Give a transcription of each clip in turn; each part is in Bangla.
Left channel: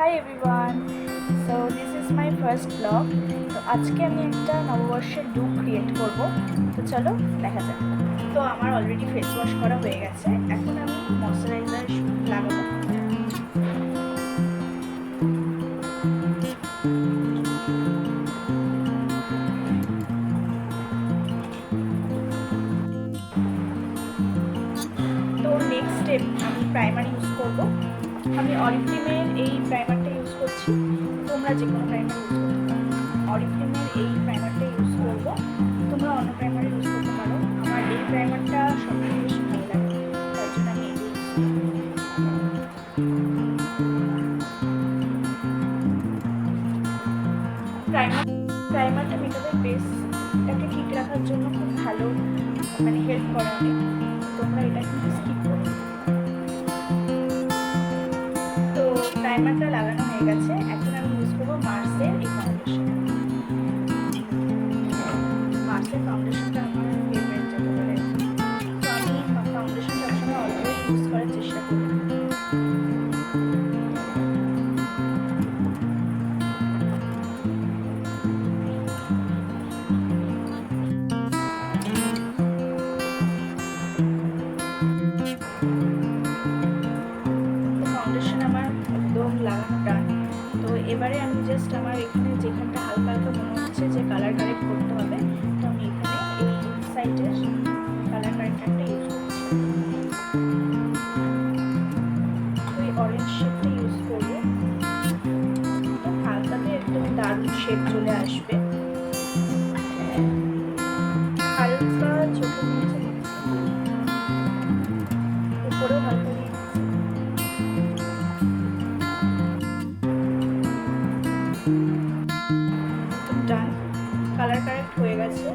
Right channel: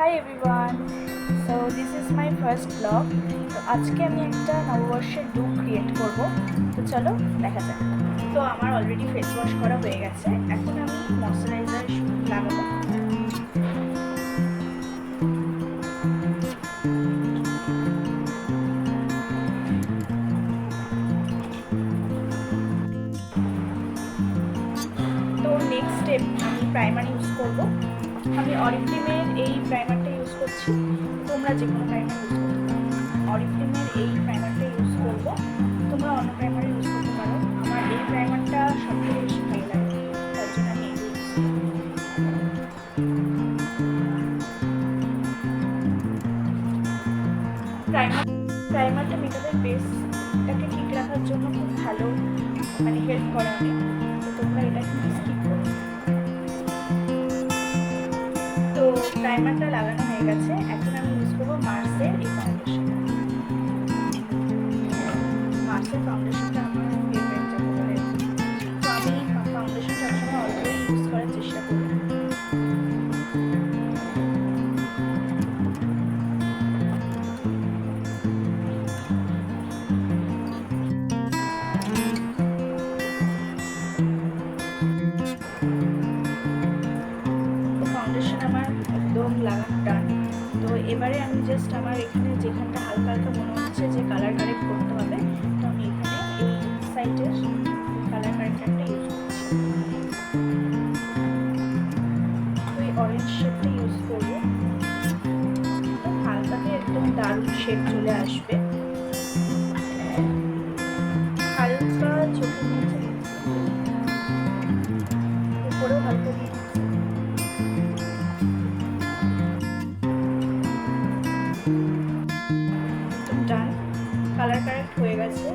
Hi everyone, so this is my first blog. তো আজকে আমি একটা নববর্ষের লুক ক্রিয়েট করব। তো চলো দেখা যাক। তো আমার অলরেডি ফেস ওয়াশ করা হয়ে গেছে, এখন আমি ময়শ্চারাইজার লাগাবো। তো নেক্সট স্টেপ আমি প্রাইমার ইউজ করব। আমি অরিফ্লেমের এই প্রাইমারটা ইউজ করছি, তোমরা যে কোনো প্রাইমার ইউজ করতে পারো। অরিফ্লেমের এই প্রাইমারটা ইউজ করব, তোমরা অন্য প্রাইমার ইউজ করতে পারো। আমার এই প্রাইমারটা সবথেকে বেশি ভালো লাগে, তার জন্য আমি এটাই ইউজ করি। প্রাইমারটা মেকআপের বেসটাকে ঠিক রাখার জন্য খুব ভালো, মানে হেল্প করে অনেক। তো তোমরা এটা কিন্তু স্কিপ করো। তো প্রাইমারটা লাগানো হয়ে গেছে, এখন আমি ইউজ করবো মার্সের এই ফাউন্ডেশন। মার্সের ফাউন্ডেশনটা আমার ফেভারিট যাকে বলে আর কি। তো আমি ফাউন্ডেশন সবসময় অল্পই ইউজ করার চেষ্টা করি। ফাউন্ডেশন আমার একদম লাগানো ডান। তো এবারে আমি জাস্ট আমার এখানে যেখানটা হালকা হালকা মনে হচ্ছে যে কালার কারেক্ট করতে হবে, তো আমি এখানে এই ইনসাইটের কালার কারেক্টারটা ইউজ করছি। তো এই অরেঞ্জ শেডটা ইউজ করবো, একদম হালকাতে একদম দারুণ শেড চলে আসবে। হালকা চোখের নিচে দিচ্ছি, উপরেও হালকা দিয়ে দিচ্ছি। একদম ডান, কালার কারেক্ট হয়ে গেছে,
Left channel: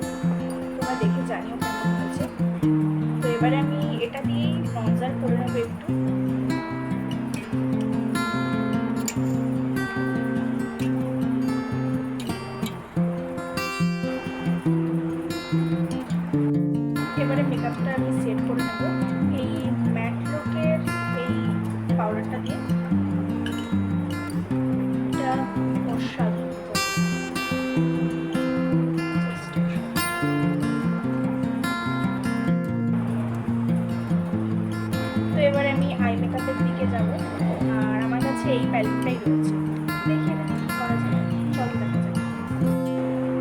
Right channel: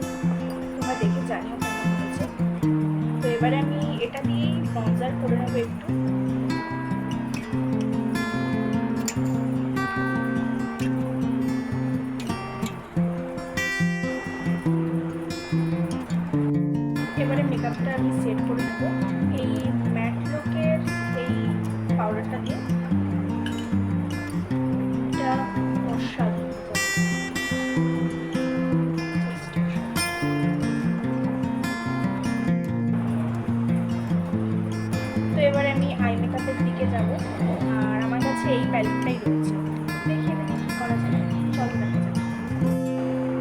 তোমরা দেখে জানিও কেমন হয়েছে। তো এবারে আমি এটা দিয়েই ব্রঞ্জার করে নেবো একটু। এবারে মেকআপটা আমি সেট করে নেব এই ম্যাট লুকের এই পাউডারটা দিয়ে। এটা অসাধারণ। তো এবারে আমি আই মেকআপের দিকে যাব, আর আমার কাছে এই প্যালেটটাই রয়েছে। দেখি এটা দিয়ে কী করা যায়, চলো দেখা যাক।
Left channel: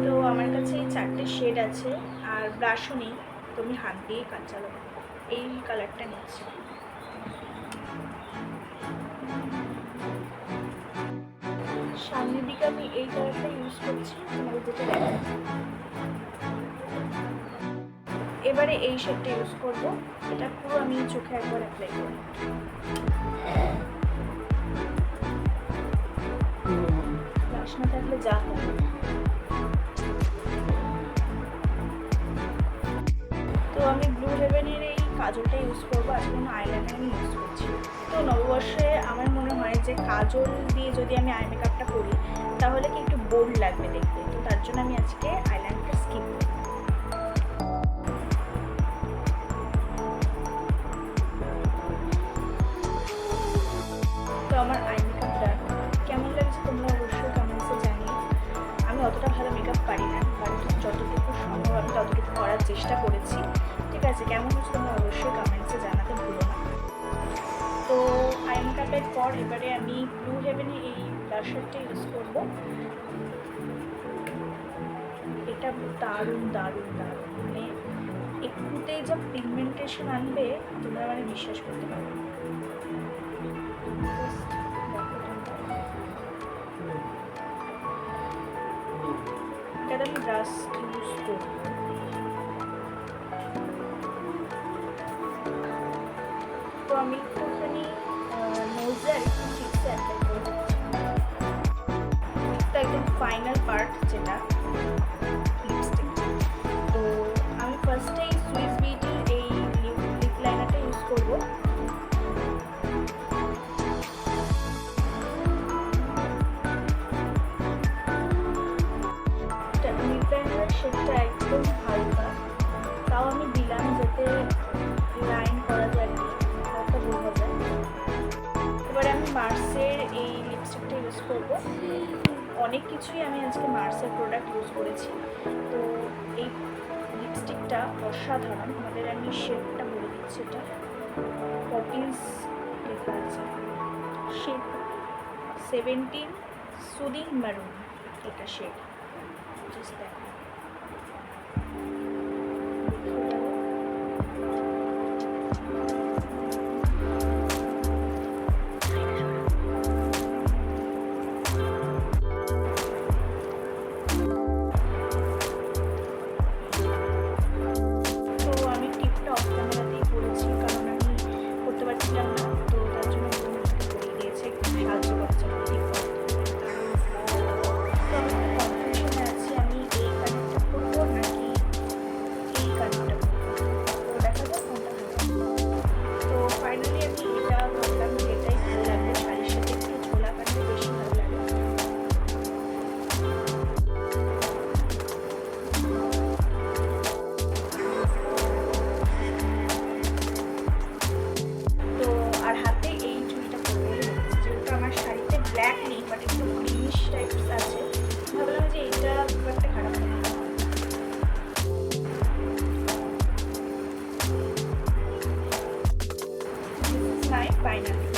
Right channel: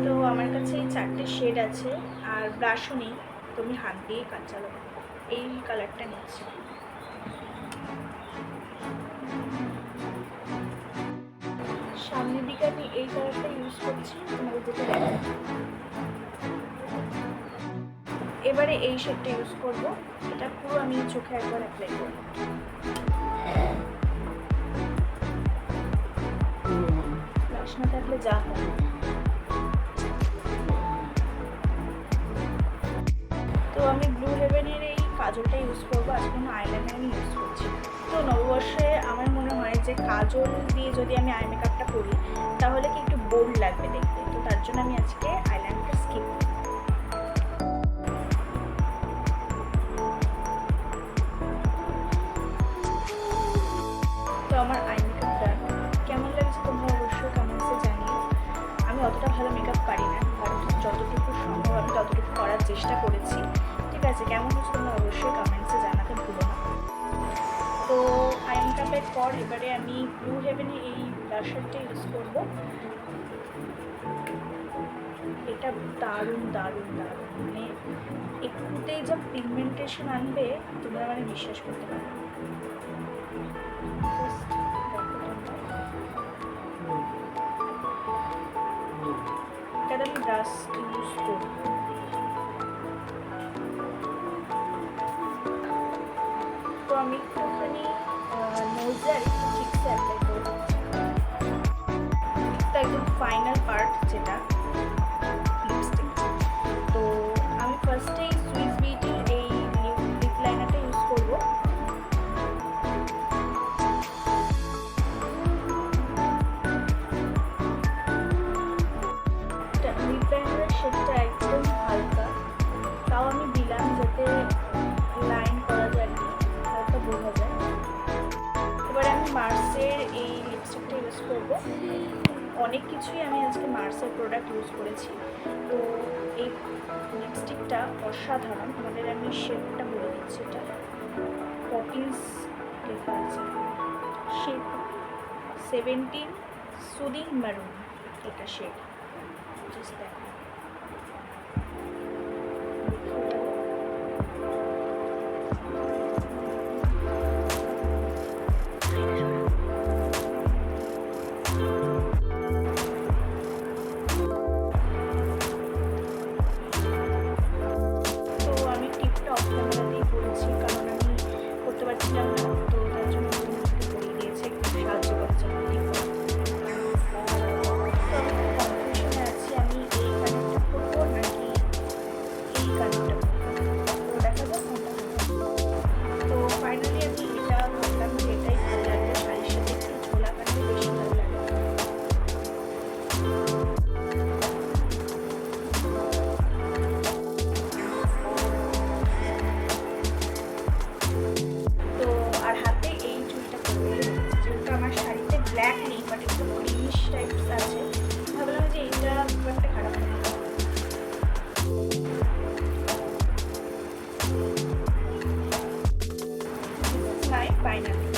তো আমার কাছে এই 4টে শেড আছে, আর ব্রাশও নেই, তো আমি হাত দিয়েই কাজ চালাবো। এই কালারটা নিচ্ছি। সামনের দিকে আমি এই কালারটা ইউজ করছি, তোমাদের যেটা দেখা। এবারে এই শেডটা ইউজ করব, এটা পুরো আমি চোখে একবার অ্যাপ্লাই করব। ব্রাশ না থাকলে যা হয়। তো আমি ব্লু হেভেনের এই কাজলটা ইউজ করবো, আজকে কোনো আইলাইনার আমি ইউজ করছি। তো নববর্ষে আমার মনে হয় যে কাজল দিয়ে যদি আমি আই মেকআপটা করি তাহলে কি একটু বোল্ড লাগবে দেখতে, তো তার জন্য আমি আজকে আইলাইনারটা স্কিপ করি। তো আমার আই মেকআপটা কেমন লাগছে তোমরা অবশ্যই কমেন্টসে জানিও। আমি অতটা ভালো মেকআপ পারি না, কারণ যতটুকু সম্ভব আমি ততটুকু করার চেষ্টা করেছি। ঠিক আছে, কেমন হচ্ছে তোমরা অবশ্যই কমেন্টসে জানাতে ভুলো না। তো আই মেকআপের পর এবারে আমি ব্লু হেভেনে এই ব্লাশারটা ইউজ করব। এটা দারুণ দারুণ দারুণ, মানে একটুতেই যা পিগমেন্টেশন আনবে তোমরা মানে বিশ্বাস করতে পারবে। এটাতে আমি ব্রাশ ইউজ করব। তো আমি একটুখানি নোজে আর একটু চিক্সে অ্যাপ্লাই করে দিচ্ছি। তো একদম ফাইনাল পার্ট যেটা লিপস্টিক। তো আমি ফার্স্টেই সুইস বিউটির এই লিপ লাইনারটা ইউজ করব। লিপ লাইনারের শেডটা একদম হালকা, তাও আমি দিলাম যাতে লাইন করা যায় আর কি, হালকা বোঝা যায়। এবারে আমি মার্সের এই লিপস্টিকটা ইউজ করব। অনেক কিছুই আমি আজকে মার্সের প্রোডাক্ট ইউজ করেছি। তো এই লিপস্টিকটা অসাধারণ। আমাদের আমি শেডটা বলে দিচ্ছি, এটা পপিন্স লেখা আছে, শেড 17 সুদিং ম্যারুন, এটা শেড। জাস্ট দেখো, তো আমি টিপটা অফ ক্যামেরাতেই করেছি, কারণ আমি করতে পারছিলাম না, তো তার জন্য আমি করিয়ে দিয়েছি, একটু সাহায্য করেছে টিপ করা। তো আমি একটু কনফিউশনে আছি, আমি এই কানেরটা করবো নাকি এই কানেরটা করবো, তো দেখা যাক কোনটা হবে। তো ফাইনালি আমি এটা ভাবলাম যে এটাই ভালো লাগবে, শাড়ির সাথে একটু ঝোলা কানের বেশি ভালো লাগে। তো আর হাতে এই চুলটা করবো, যেহেতু আমার শাড়িতে ব্ল্যাক নেই বাট একটু গ্রিনিশ টাইপস আছে, ভাবলাম যে এইটা খুব একটা খারাপ হবে না। This is my final.